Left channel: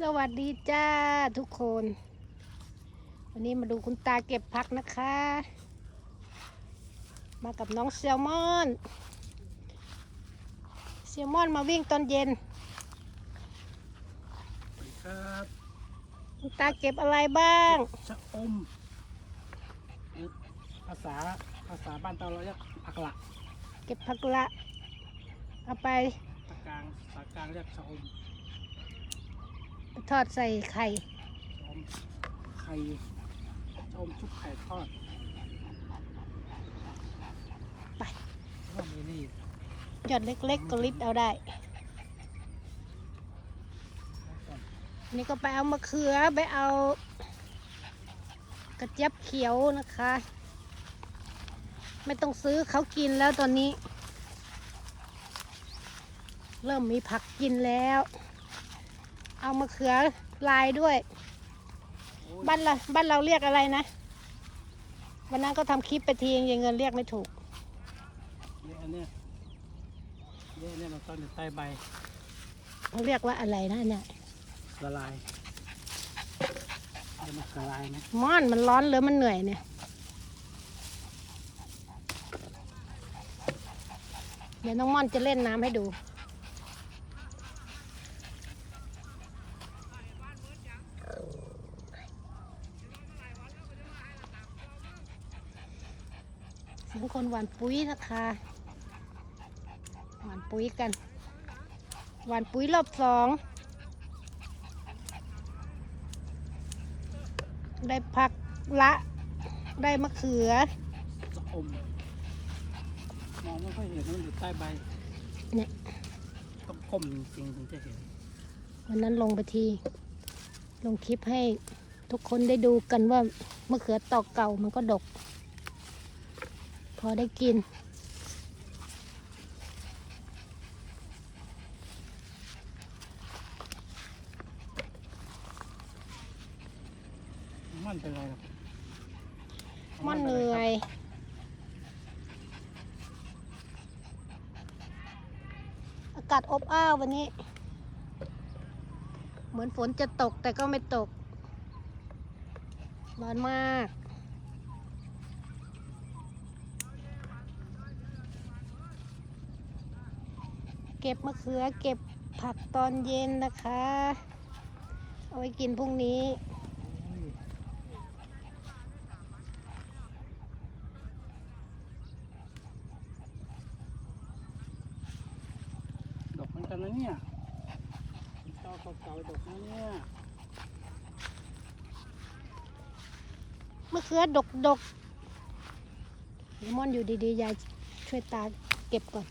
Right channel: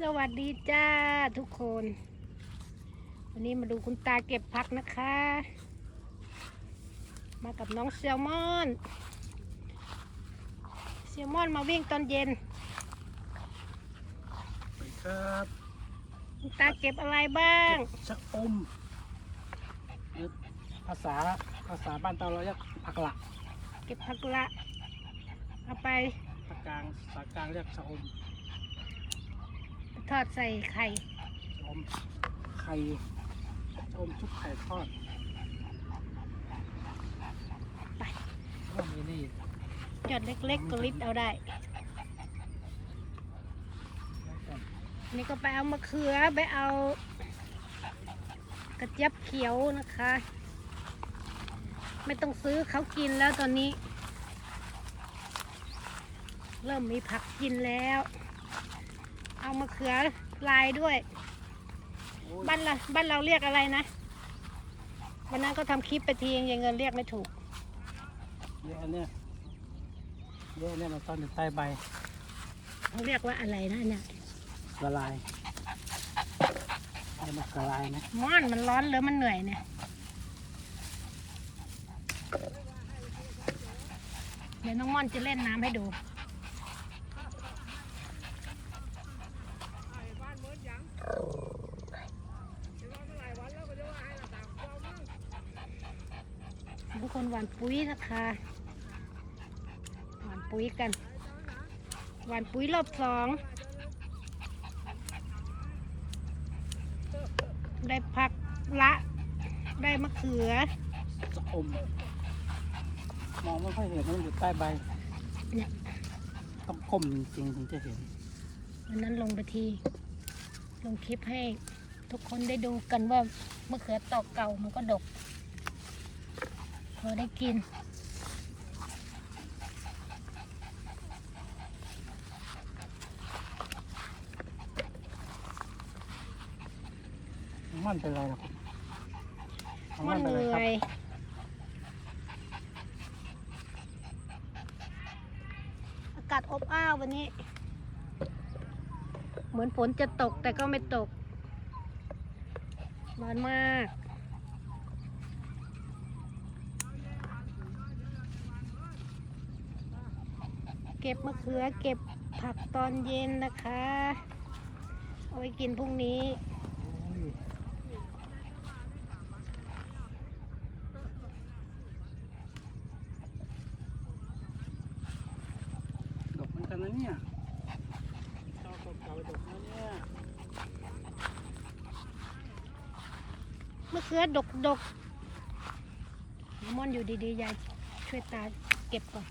สวัสดีจ้าทุกคน วันนี้มาดูคุณตาเก็บผักนะคะ มากับน้องแซลมอนแซลมอนมาวิ่งตอนเย็นสวัสดีครับคุณตาเก็บอะไรบ้างชะอมเอ่อภาษาภาษาบ้านเราเราเรียกผักหละเก็บผักละเอาไปภาคกลางภาคกลางเรียกชะอม ทอดใส่ไข่ชะอมไข่ชะอมชุบไข่ทอดไปแล้วก็มีนี่หยอดเล็กๆก็ลิดเอาได้แล้วก็นี่ก็ไปเอามะเขือไปเอากระเจี๊ยบเขียวนะคะ ไม่ต้องซื้อเขากินแล้วตอนนี้ เริ่มมีผักกินแล้ว เอามะเขือลายด้วยโอ้ยบ้านเราบ้านเราเรียกอะไรนะ วันนั้นก็ทำคลิปไปทียังเงินเรียกไม่ถูก เยอะเนี่ยเยอะเนี่ยมันซ่อนอยู่ใต้ใบเรียกว่าอะไรนะเนี่ย ละลายเดี๋ยวมันละลายไหมม่อนมันร้อนหรือมันเหนื่อยเนี่ย เดี๋ยวน้องม่อนจะเล่นน้ำให้ดู เสียงคนหวานปุ๋ยนะคะหวานปุ๋ยกันหวานปุ๋ยรอบสองได้ผักละได้มะเขือชะอมมองไม่ค่อยเห็นมันอยู่ใต้ใบเนี่ยต้องก้มจริงๆถึงจะเห็นวันนั้นลงไปทีลงคลิปให้ทุกคนได้ดูกันว่ามะเขือตอกเก่ามันก็ดกพ อได้กิน มันเป็นไรหรอครับมันเหนื่อยอากาศอบอ้าววันนี้ เหมือนฝนจะตกแต่ก็ไม่ตกร้อนมาก เก็บมะเขือเก็บผักตอนเย็นนะคะ เอาไว้กินพรุ่งนี้โอ้ยดอกเหมือนกันนะเนี่ยเจ้าก็ใจดอกนะเนี่ยมะเขือดกดกเลมอนอยู่ดีๆ ยายช่วยตาเก็บก่อน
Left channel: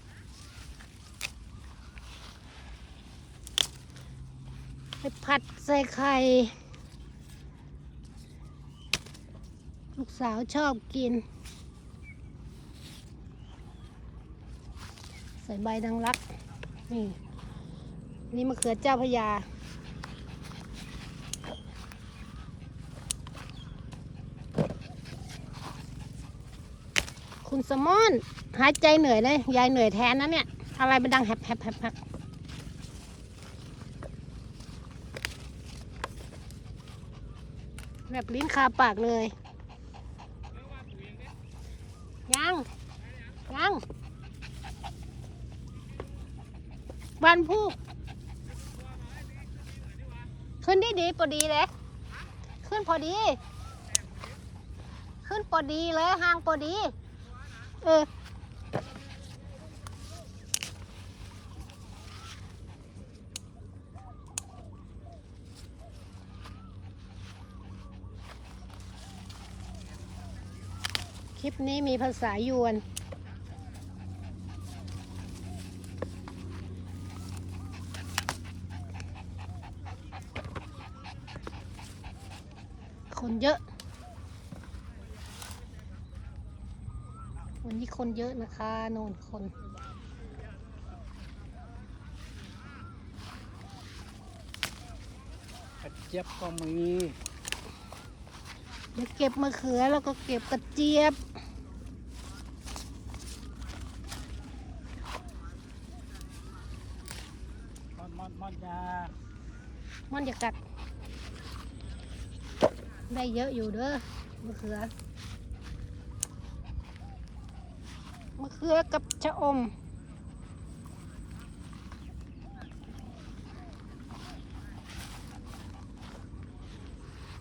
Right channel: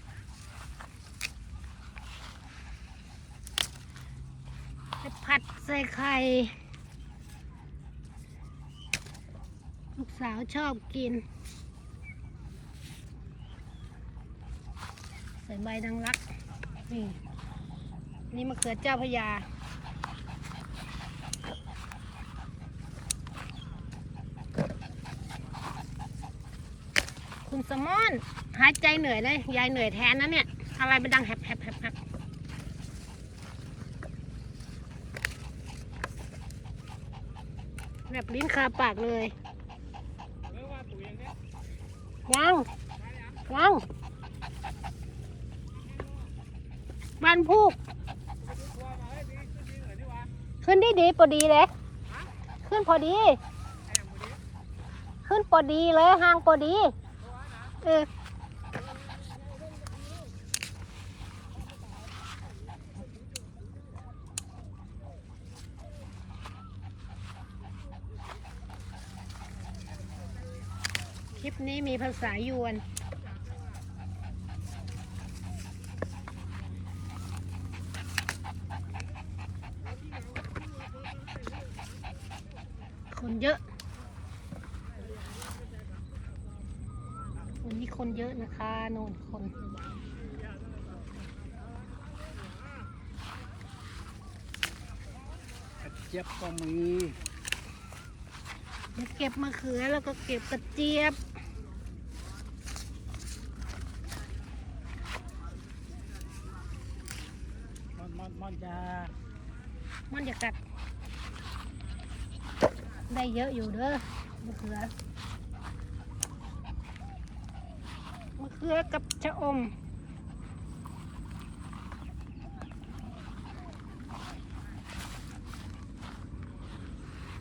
ไป ผัดใส่ไข่ ลูกสาวชอบกิน ใส่ใบดังรัก นี่นี่มะเขือเจ้าพยาคุณสมอนหายใจเหนื่อยเลย ยายเหนื่อยแทนนะเนี่ย อะไรมันดังแฮบแฮบแฮบ แบบลิ้นคาปากเลยยังยังวันพูกขึ้นดีดีพอดีเลย ขึ้นพอดี ขึ้นพอดีเลยห่างพอดีเออ ลิปนี้มีภาษายวน คนเยอะ วันนี้คนเยอะนะคะโน่นคนเจี๊ยบก็มี เดี๋ยวเก็บมะเขือแล้วก็เก็บกระเจี๊ยบ มันมันมันยามันจะกัด ได้เยอะอยู่เด้อมะเขือมะเขือกับชะอม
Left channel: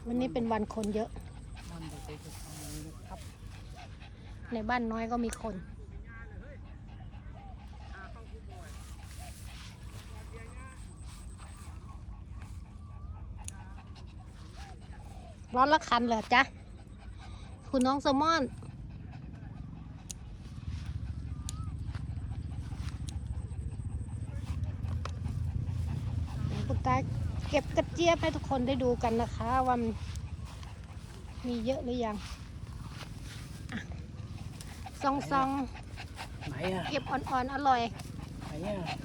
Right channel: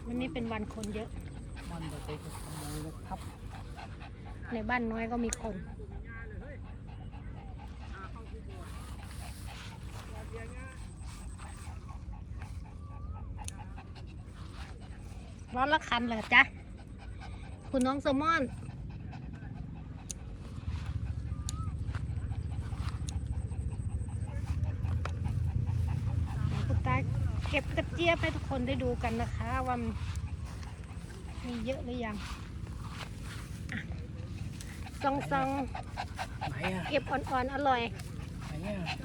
วันนี้เป็นวันคนเยอะ ในบ้านน้อยก็มีคน ร้อนละคันเหรอจ๊ะ คุณน้องแซลมอนคุณตาเก็บกระเจี๊ยบให้ทุกคนได้ดูกันนะคะว่ามัน มีเยอะหรือยังอะซองซองไหนอะๆเก็บอ่อนๆ อร่อย ไหนอะ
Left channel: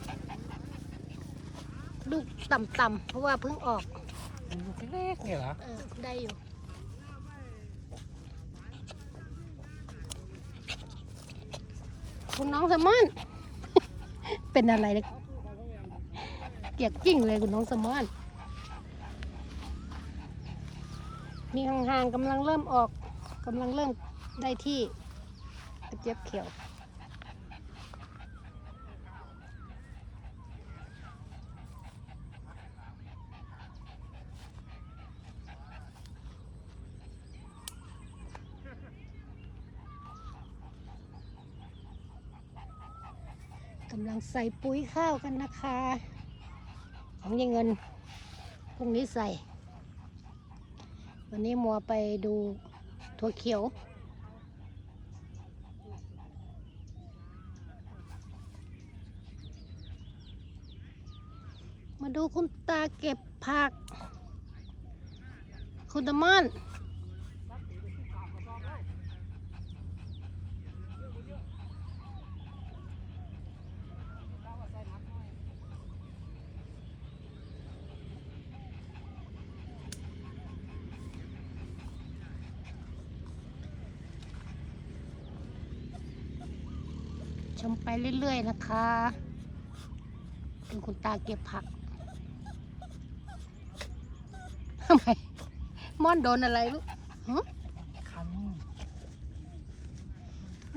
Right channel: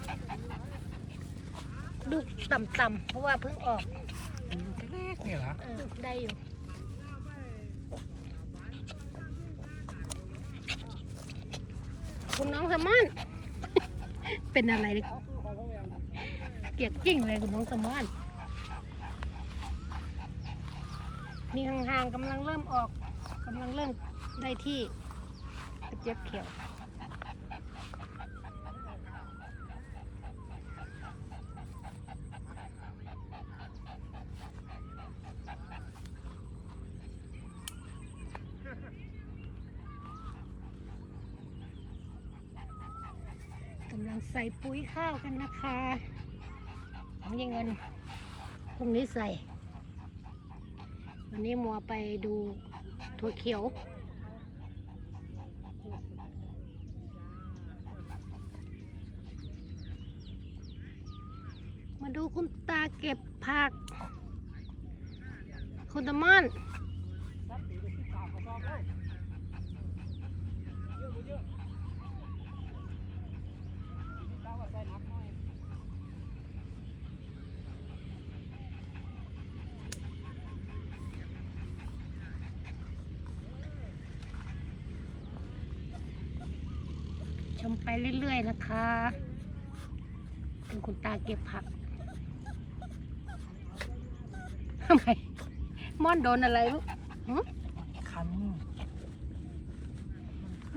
ลูกต่ำๆ เพราะว่าเพิ่งออกมันลูกเล็กเนี่ยเหรอเออได้อยู่ คุณน้องแซลมอน เป็นอะไรเนี่ยเกลียกจริงเลยคุณน้องแซลมอน มี ห่างๆกำลังเริ่มออกกำลังเริ่มได้ที่กระเจี๊ยบเขียวกำลังใส่ปุ๋ยข้าวกันนะคะของยังเงินพรุ่งนี้ใส่ วันนี้มัวไปดูถั่วเขียว มาดูคุณตาเก็บผัก คุณตามอน มไปเรื่อยๆนะคะดูคุณตาเก็บผักทำไมม่อนโดนอะไรลูกหึคัน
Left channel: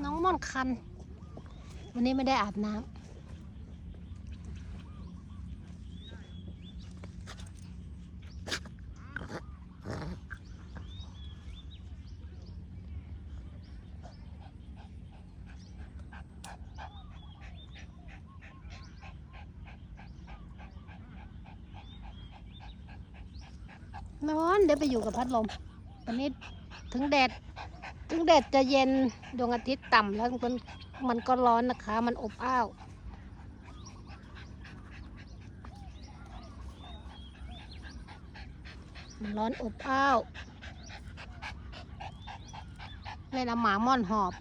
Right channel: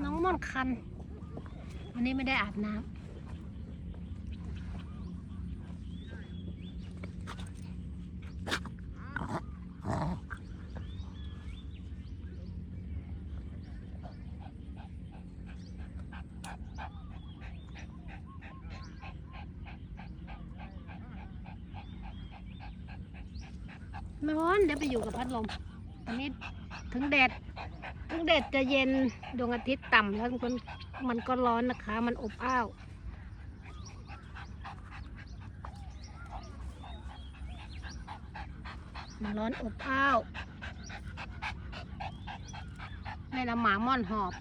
น้องม่อนคัน วันนี้ไม่ได้อาบน้ำ ร้อนเดี๋ยวไปอยู่กับพัดลมวันนี้ถึงแดด ถึงแดดจะเย็นดวงอาทิตย์ต่ำแล้วมันมันก็ร้อนนะคะ มันอบอ้าวมันร้อนอบอ้าวในละหมาม่อนหอบ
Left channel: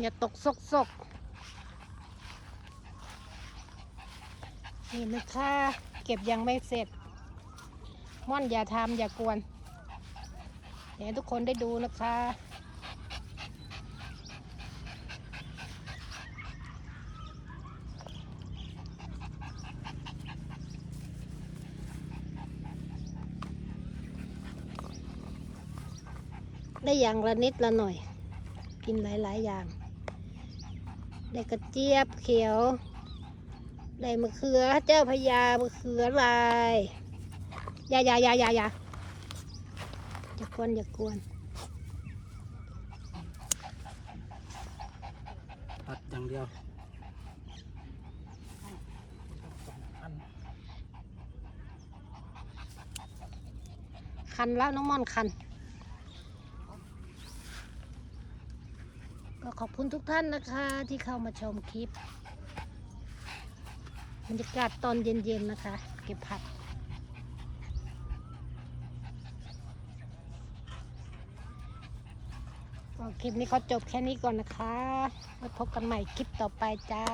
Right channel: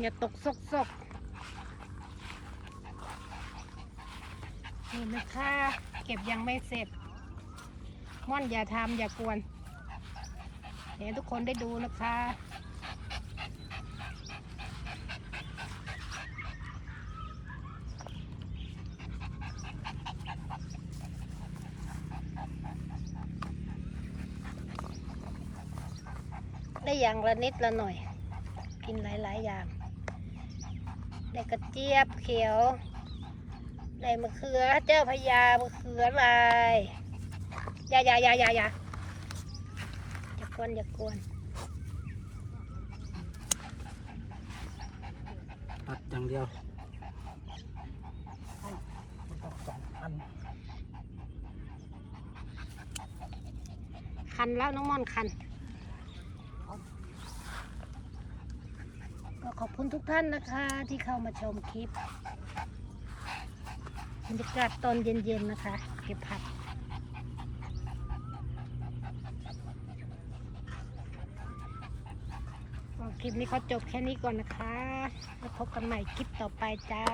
อย่าตกซกซกนี่นะคะเก็บยังไม่เสร็จ ม่อนอย่าทำอย่ากวนเดี๋ยวให้ทุกคนได้ดูนะคะได้อย่างละนิดละหน่อย กินหลาย ๆ อย่าง ได้กระเจี๊ยบเขียว ได้มะเขือเจ้าพญามะเขือลายอย่าอย่าอย่าอย่าอย่าอย่ากวนอย่ากวนตัดอย่างเดียวสองพันคันแล้วน้องม่อนคัน ก็ขอบ คุณทุกท่านนะคะที่เข้ามาชมคลิปบรรยากาศตอนเย็นๆนะคะ เก็บผักคลิปนี้เขาจบแค่นี้ก่อนนะคะ แล้วพบกันใหม่คลิปต่อไปจ้า